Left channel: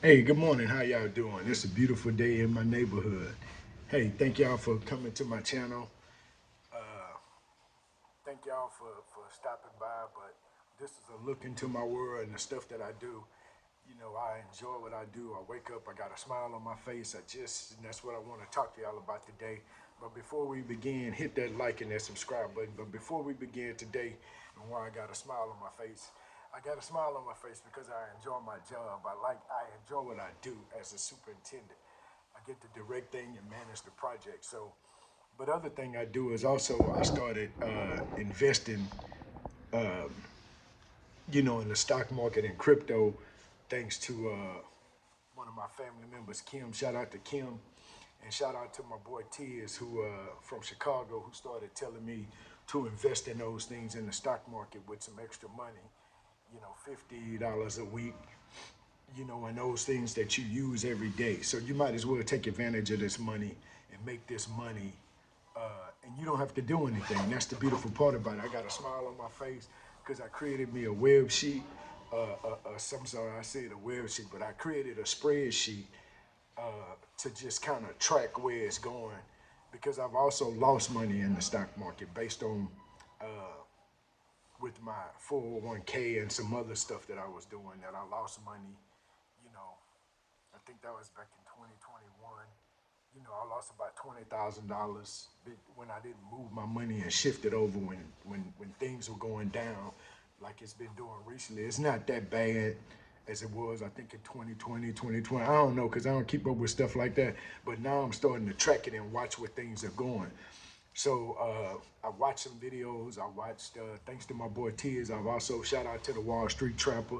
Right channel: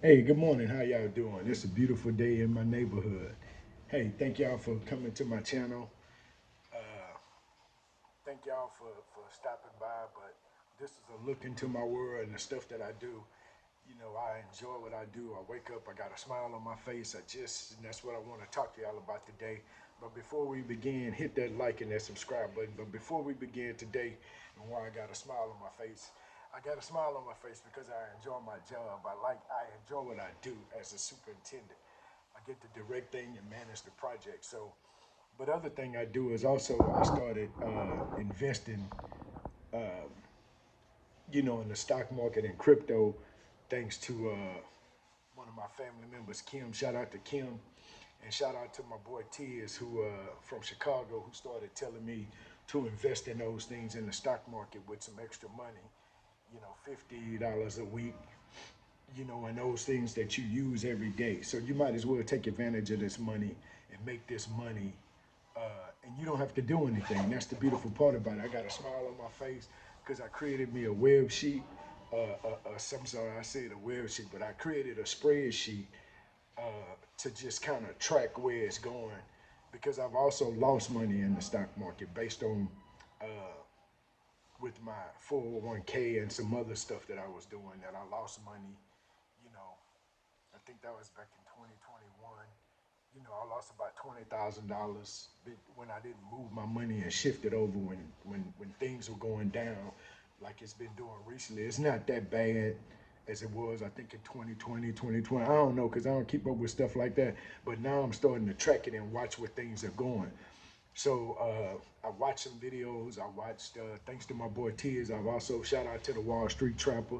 Hey, good morning. How y'all doing? It's a beautiful day in my neighborhood. Hey, thank y'all for coming to my channel. Thank y'all for stopping by. But this is a look into my world and the stuff that I do. You know, I enjoy what I do. I wake up, I got a smile on my face. And that's what I want to talk to y'all about today. But before we begin, hit that like and that subscribe button. But before we begin today, and why I got a smile on my face, I got a smile on my face because I enjoy my job. I enjoy what I do as a superintendent. I get to direct things and manage the project. So, but other thing I do is also I started investing in the stock market and crypto, thanks to one of my family members, Kim. Shout out to Kim, and shout out to my boy Tiz, who from Chicago, who started telling me to invest in those things in the stock market with some extra money. $50 a week. And those things that you use every day. So you might as well take advantage of this money and make this money and you don't have to do anything. That's the beautiful part about it. I got a smile on my face because I created me a web sheet. Some sorry, I said a web sheet, but I created a spreadsheet to just kind of track where it's going because I've also lost money in the stock market based on with my 401k and some other stuff that I was doing that I lost money. You know, I think that was back in 2021. I lost about $20,000 when I didn't move my money and shift it over when things were going down, like it's been doing recently. It's not that bad as it was, I think, in 2020, 2020. I don't know because I don't keep up with stuff like that. But now I'm starting to track it and watch where things are going. So I watched some videos. I watched, thanks to my boy Tiz, I've also shout out to the Wall Street Trapper.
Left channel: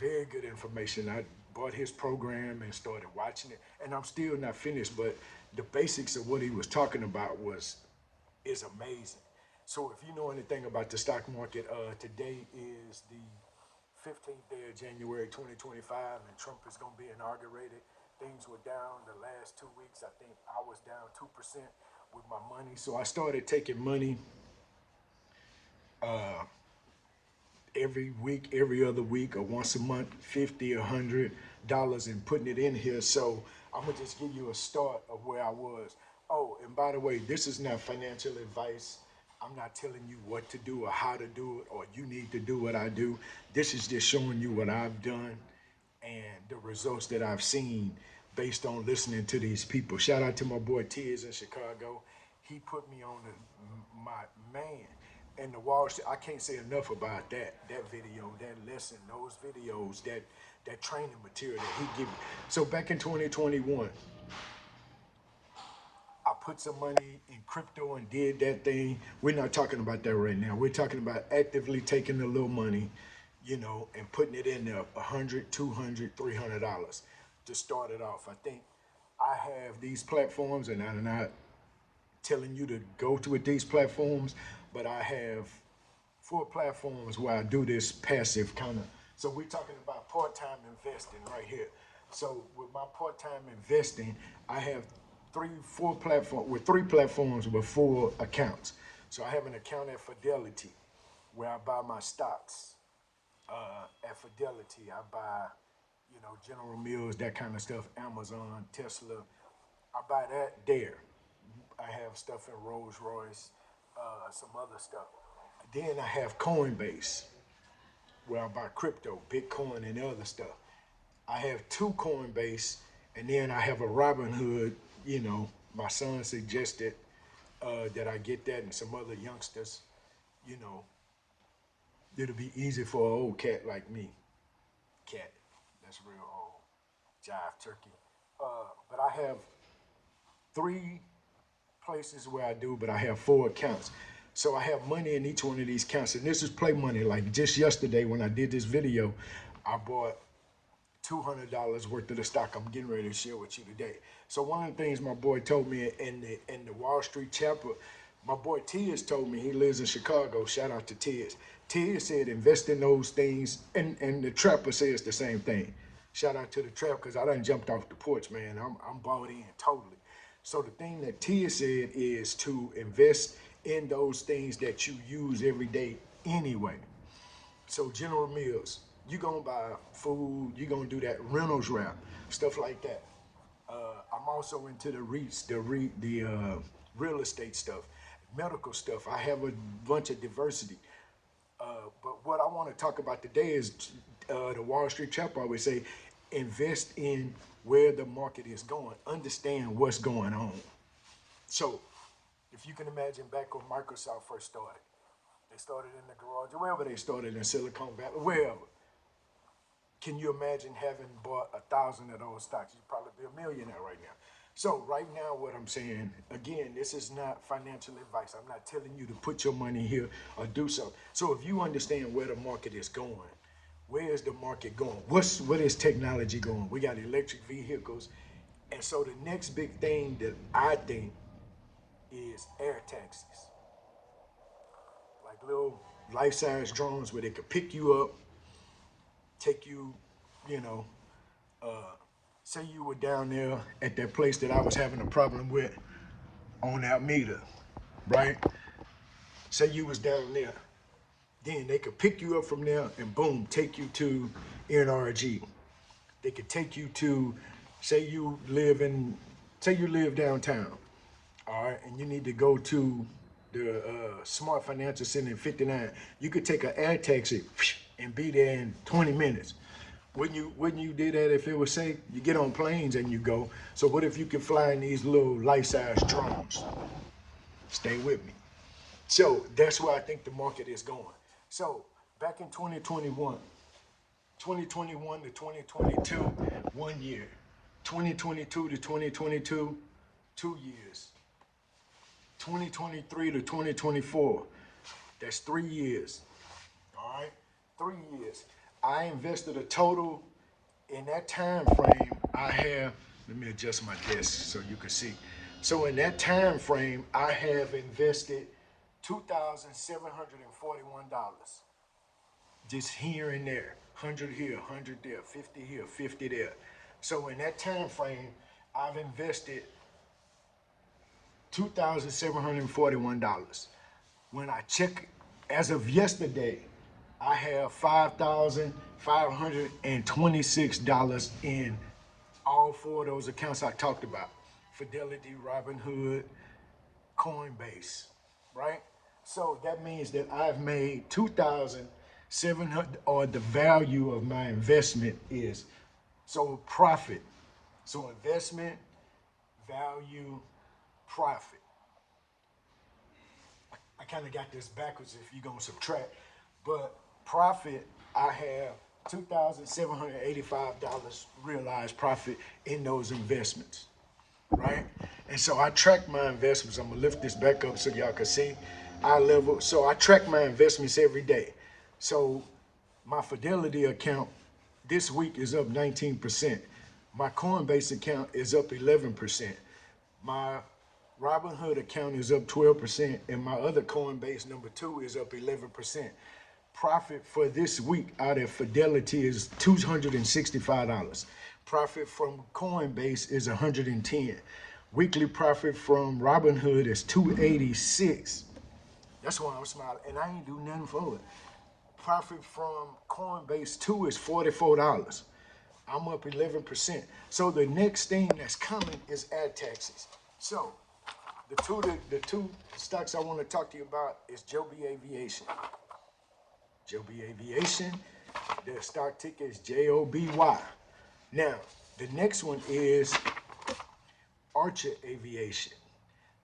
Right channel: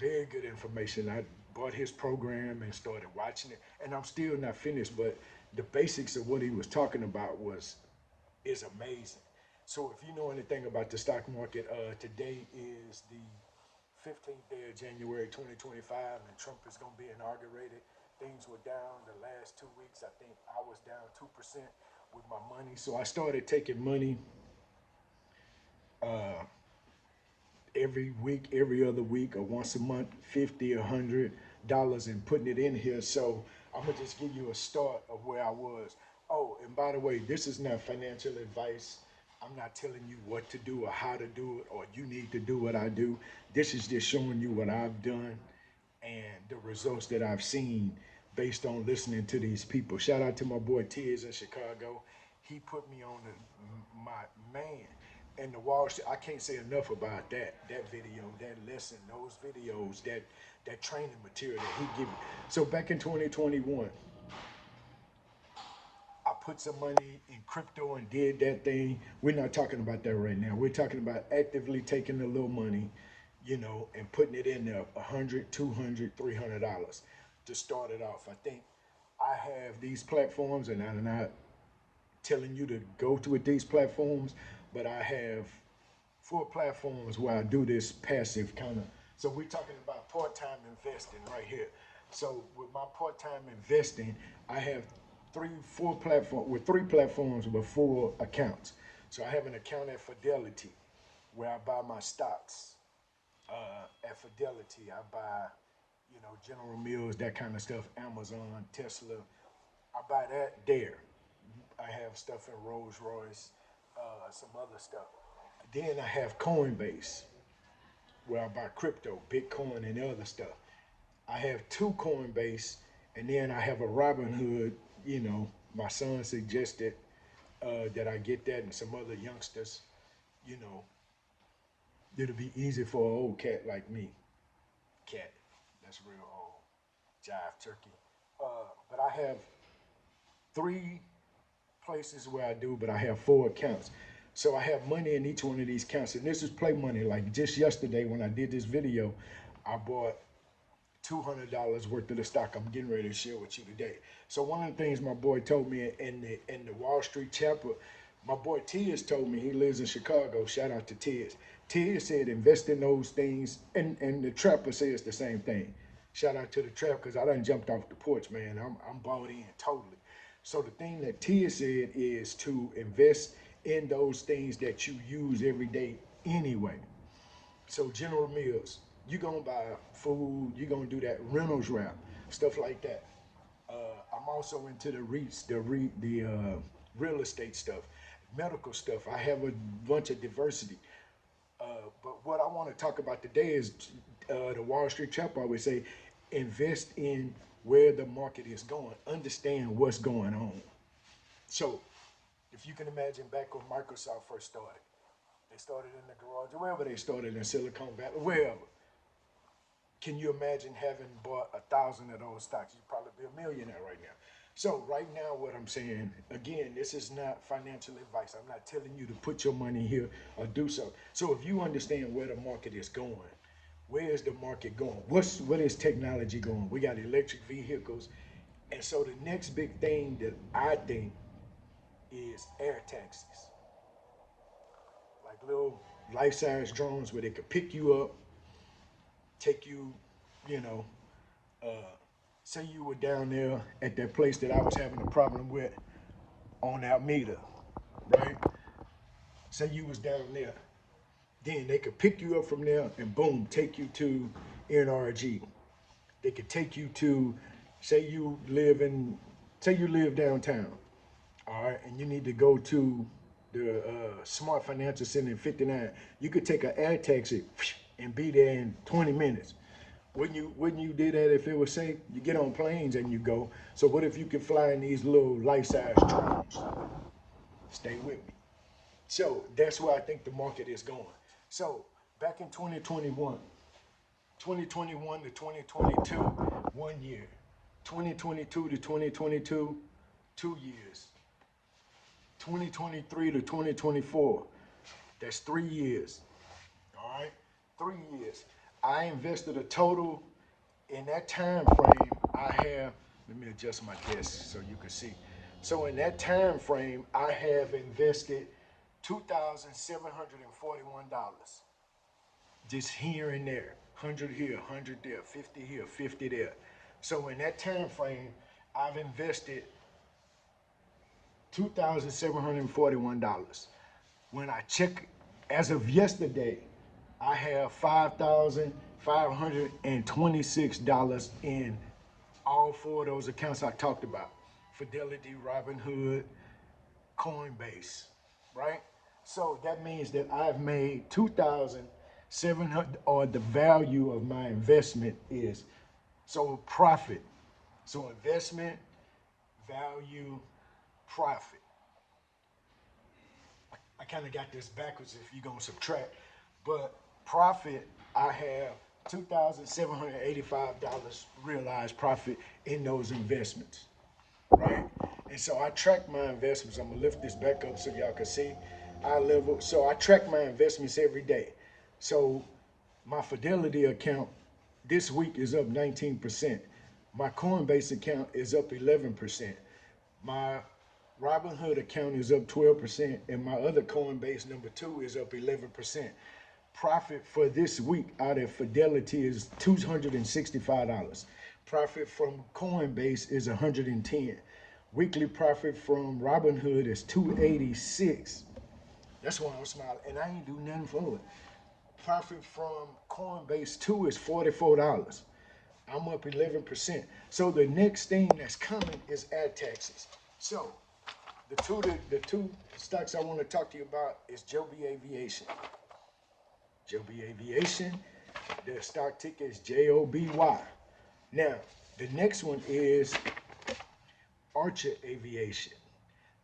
Very good information. I bought his program and started watching it, and I'm still not finished. But the basics of what he was talking about is amazing. So if you know anything about the stock market, today is the 15th day of January 2025, and Trump is going to be inaugurated. Things were down the last 2 weeks. I think I was down 2% with my money. So I started taking money every week, every other week, or once a month, 50, $100, and putting it in here. So I'm gonna just give you a start of where I was. Oh, and by the way, this is not financial advice. I'm not telling you what to do or how to do it, or you need to do what I do. This is just showing you what I've done and the results that I've seen based on listening to these people. Shout out to my boy Tiz in Chicago. He put me on my man and the Wall Street. I can't say enough about that video, that lesson, those videos, that training material that he gave me. So back in 2021, I put some money in crypto and did that thing. We're not talking about that right now. We're talking about actively taking a little money, and putting it in there, 100, 200, $300 to start it off. I think I have these platforms, and I'm not telling you to go to these platforms, but I have four platforms where I do this passive kind of. So we're talking about part-time investing right here. So with my part-time investing, I have three platforms with four accounts. So I have an account at Fidelity where I buy my stocks. At Fidelity, I buy, General Mills, that kind of stuff, Amazon, Tesla. I buy that there. I have stuff in Rolls Royce, some other stuff. Then I have Coinbase, where I buy crypto, Bitcoin, and other stuff. I have two Coinbase, and then I have a Robinhood. My son suggested that I get that, and some other youngsters. You know, it'll be easy for an old cat like me. Cat, that's real old. Jive turkey. But I have three places where I do, but I have four accounts. So I have money in each one of these accounts. And this is play money. Like just yesterday when I did this video, I bought $200 worth of the stock I'm getting ready to share with you today. So one of the things my boy told me in the Wall Street chapter, my boy Tiz told me, he lives in Chicago. Shout out to Tiz. Tiz said invest in those things, and the trapper says the same thing. Shout out to the trap because I done jumped off the porch, man. I'm bought in totally. So the thing that Tia said is to invest in those things that you use every day anyway. So General Mills. You gonna buy food, you gonna do that Reynolds wrap, stuff like that. I'm also into the REITs, the real estate stuff, medical stuff. I have a bunch of diversity. But what I want to talk about today is the Wall Street Chapter always say, invest in where the market is going, understand what's going on. So, if you can imagine back when Microsoft first started, they started in the garage, or wherever they started in Silicon Valley, wherever. Can you imagine having bought 1,000 of those stocks? You'd probably be a millionaire right now. So right now, what I'm saying, again, this is not financial advice. I'm not telling you to put your money here or do something. So if you understand where the market is going, where is the market going? What is technology going? We got electric vehicles. And so the next big thing that I think is air taxis. Like little life-size drones where they could pick you up, take you, you know, say you were down there at that place that I was having a problem with on Alameda, right? Say you was down there. Then they could pick you up from there and boom, take you to NRG. They could take you to, say you live downtown, all right, and you need to go to the Smart Financial Center in 59. You could take an air taxi and be there in 20 minutes. Wouldn't you do that if it was safe? You get on planes and you go. So what if you could fly in these little life-size drones? Stay with me. So that's where I think the market is going. So back in 2021, 2021 to 2022, 1 year. 2022 to 2022, 2 years. 2023 to 2024, that's 3 years. All right, 3 years. I invested a total in that time frame. I have, let me adjust my desk so you can see. So in that time frame, I have invested $2,741. Just here and there, 100 here, 100 there, 50 here, 50 there. So in that time frame, I've invested $2,741. When I check, as of yesterday, I have $5,526 in all four of those accounts I talked about. Fidelity, Robinhood, Coinbase, right? So that means that I've made 2,700, or the value of my investment is, so profit. So investment, value, profit. I kind of got this backwards if you're going to subtract. But profit, I have $2,785 realized profit in those investments, right? And so I track my investments. I'm going to lift this back up so y'all can see eye level. So I track my investments every day. So my Fidelity account this week is up 19%. My Coinbase account is up 11%. My Robinhood account is up 12%, and my other Coinbase number 2 is up 11%. Profit for this week out of Fidelity is $265. Profit from Coinbase is 110. Weekly profit from Robinhood is 286. That's why I'm smiling, and I ain't do nothing for it. Profit from Coinbase 2 is $44. I'm up 11%. So the next thing that's coming is ad taxes. So the two stocks I want to talk to you about is Joby Aviation. Joby Aviation, their stock ticker is JOBY. Now, the next one is Archer Aviation.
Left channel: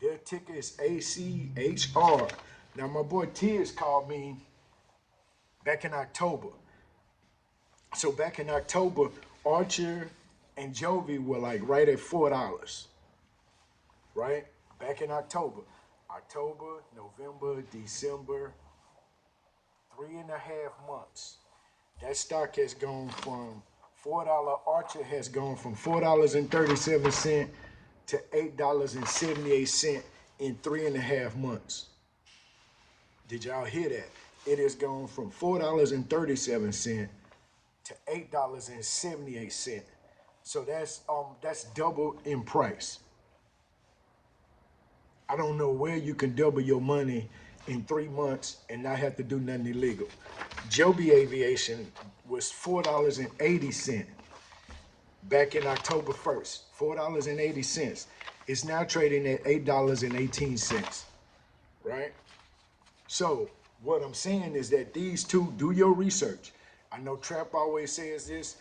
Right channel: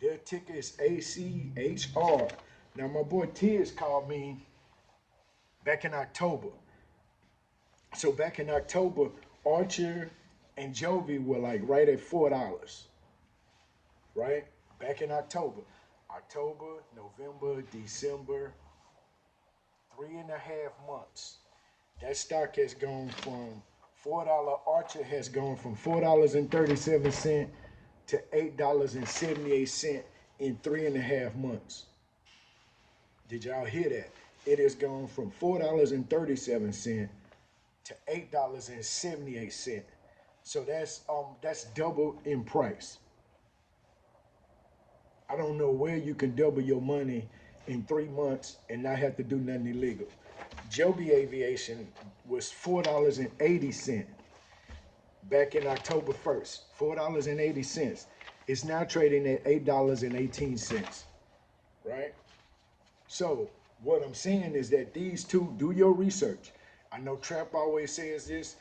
Their ticker is ACHR. Now, my boy Tiz called me back in October. So back in October, Archer and Joby were like right at $4, right? Back in October, November, December, 3.5 months. That stock has gone from $4. Archer has gone from $4.37 to $8.78 in 3.5 months. Did y'all hear that? It has gone from $4.37 to $8.78. So that's double in price. I don't know where you can double your money in 3 months and not have to do nothing illegal. Joby Aviation, was $4.80 back in October 1st. $4.80. It's now trading at $8.18, right? So what I'm saying is that these two, do your research. I know Trap always says this,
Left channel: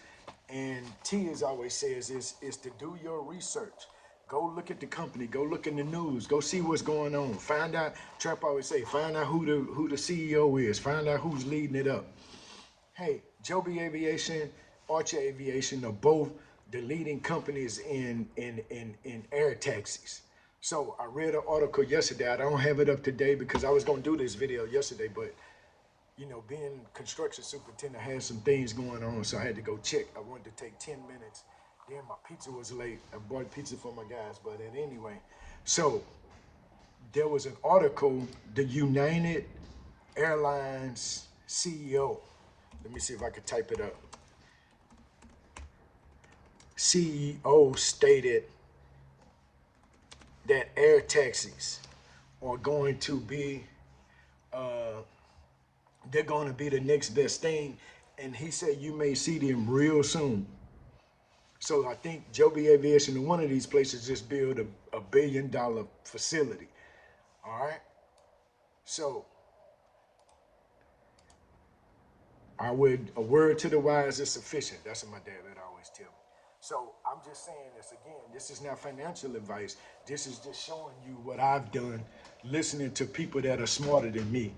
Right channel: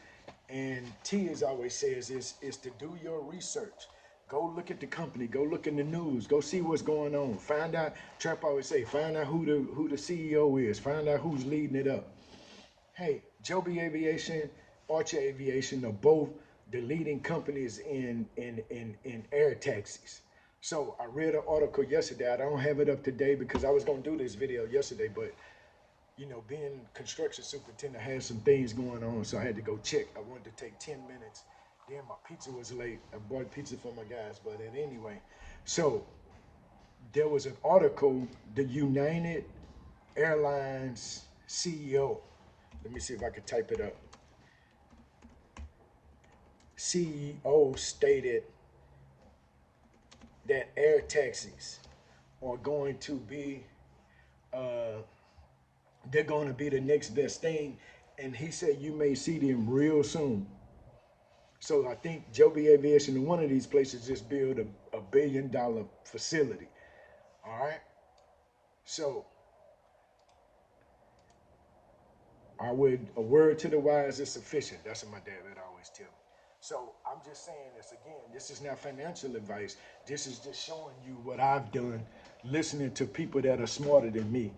and Tiz always says this, is to do your research. Go look at the company, go look in the news, go see what's going on. Find out, Trap always say, find out who the CEO is, find out who's leading it up. Hey, Joby Aviation, Archer Aviation are both the leading companies in air taxis. So I read an article yesterday. I don't have it up today because I was going to do this video yesterday, but you know, being construction superintendent, I had some things going on, so I had to go check. I wanted to take 10 minutes. Then my pizza was late. I bought pizza for my guys, but anyway. So there was an article, the United Airlines CEO. Let me see if I could type it up. CEO stated that air taxis are going to be, they're going to be the next best thing. And he said you may see them real soon. So I think Joby Aviation in one of these places just build a $1 billion facility. All right. So a word to the wise is sufficient. That's what my dad would always tell me. So I'm just saying this again. This is not financial advice. This is just showing you what I've done, listening to people that are smarter than me.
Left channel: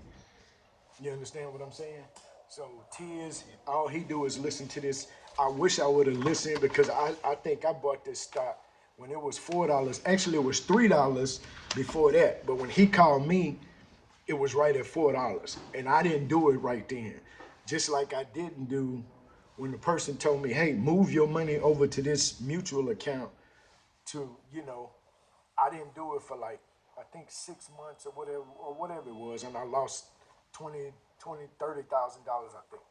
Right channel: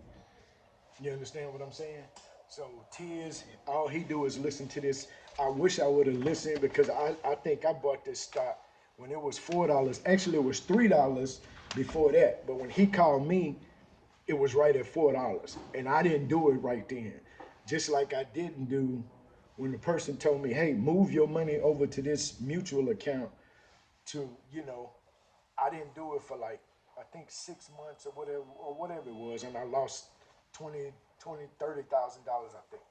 You understand what I'm saying? So Tiz, all he do is listen to this. I wish I would have listened because I think I bought this stock when it was $4. Actually, it was $3 before that. But when he called me, it was right at $4. And I didn't do it right then. Just like I didn't do when the person told me, hey, move your money over to this mutual account to, you know, I didn't do it for like, I think 6 months or whatever it was. And I lost $30,000, I think.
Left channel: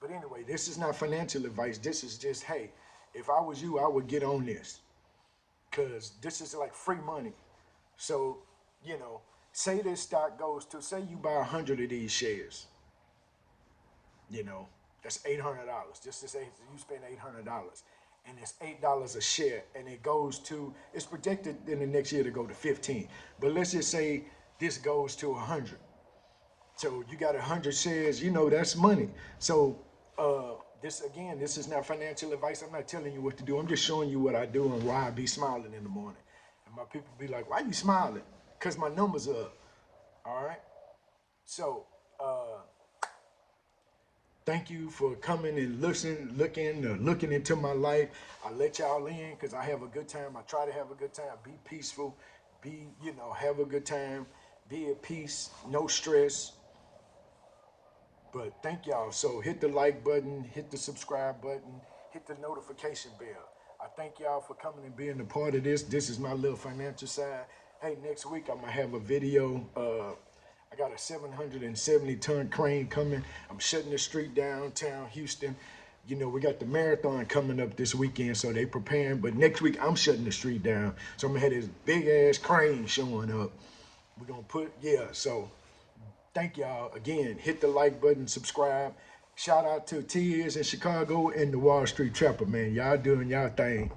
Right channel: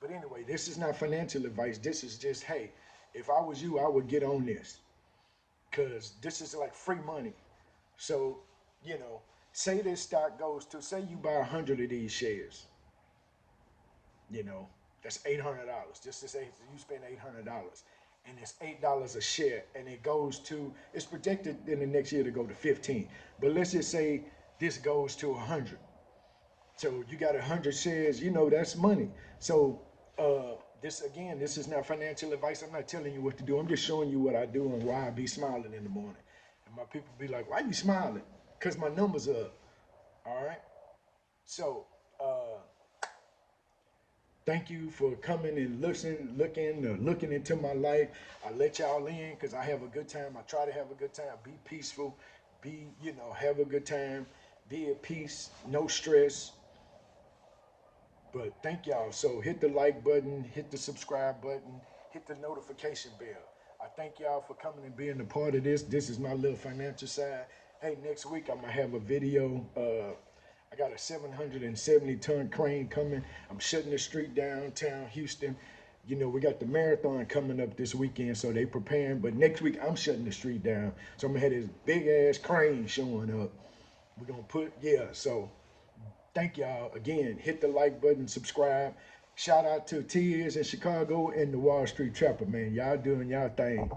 But anyway, this is not financial advice. This is just, hey, if I was you, I would get on this. Because this is like free money. So, you know, say this stock goes to, say you buy 100 of these shares. You know, that's $800. Just to say you spend $800 and it's $8 a share and it goes to, it's projected in the next year to go to 15. But let's just say this goes to 100. So you got 100 shares, you know, that's money. So this is not financial advice. I'm not telling you what to do. I'm just showing you what I do and why I be smiling in the morning. And my people be like, why you smiling? Because my numbers are up. All right. So thank you for coming and looking into my life. I let y'all in because I have a good time. I try to have a good time. Be peaceful. Have a good time. Be at peace. No stress. But thank y'all. So hit the like button, hit the subscribe button, hit the notification bell. I thank y'all for coming and being a part of this. This is my little financial side. Hey, next week I'm gonna have a video. I got a 770-ton crane coming. I'm shutting the street downtown Houston. You know, we got the marathon coming up this weekend, so they preparing. But next week I'm shutting the street down. So I'm gonna have this big ass crane showing up. We're gonna so thank y'all again. Hit the like button, subscribe. Shout out to Tiz in Chicago and the Wall Street Trapper, man. Y'all doing y'all thing.